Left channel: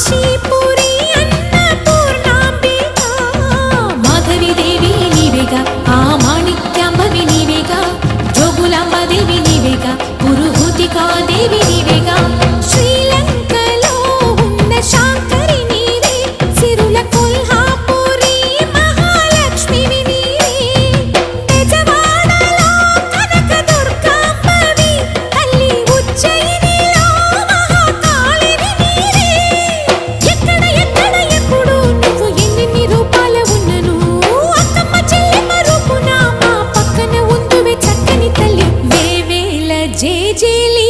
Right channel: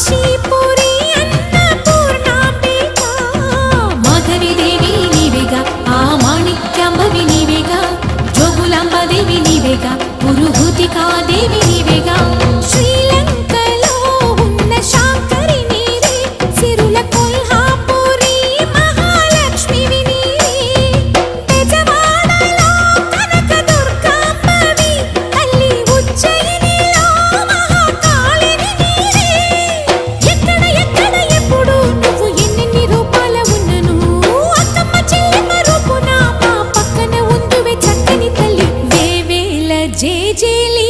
కాశీపురి అన్నపూర్ణాంబిక మాధవి దేవి నీవేగా ఆ మాణిక్యాంబవి నీవేగా జోగులాంబదేవి నీవేగా పురుహూతికా దేవి నీవేగా శ్రీలంకలో ఉన్న శాంకరి నీవే సిరుల కొల్హాపురి మహాలక్ష్మివి నీవే బెజవాడలో కనక దుర్గాంబవి తల్లి ఉజ్జయినిలో మహాకాళివి నీవే ఎక్కడ ఎక్కడ ఎప్పుడు నువ్వు ఎన్నెన్ని రూపాల ఉన్నను అక్కమ్మ చెల్లెమ్మ రూపున మా పక్కన ఉందువే చక్కని తల్లి వేవేల జేజేలి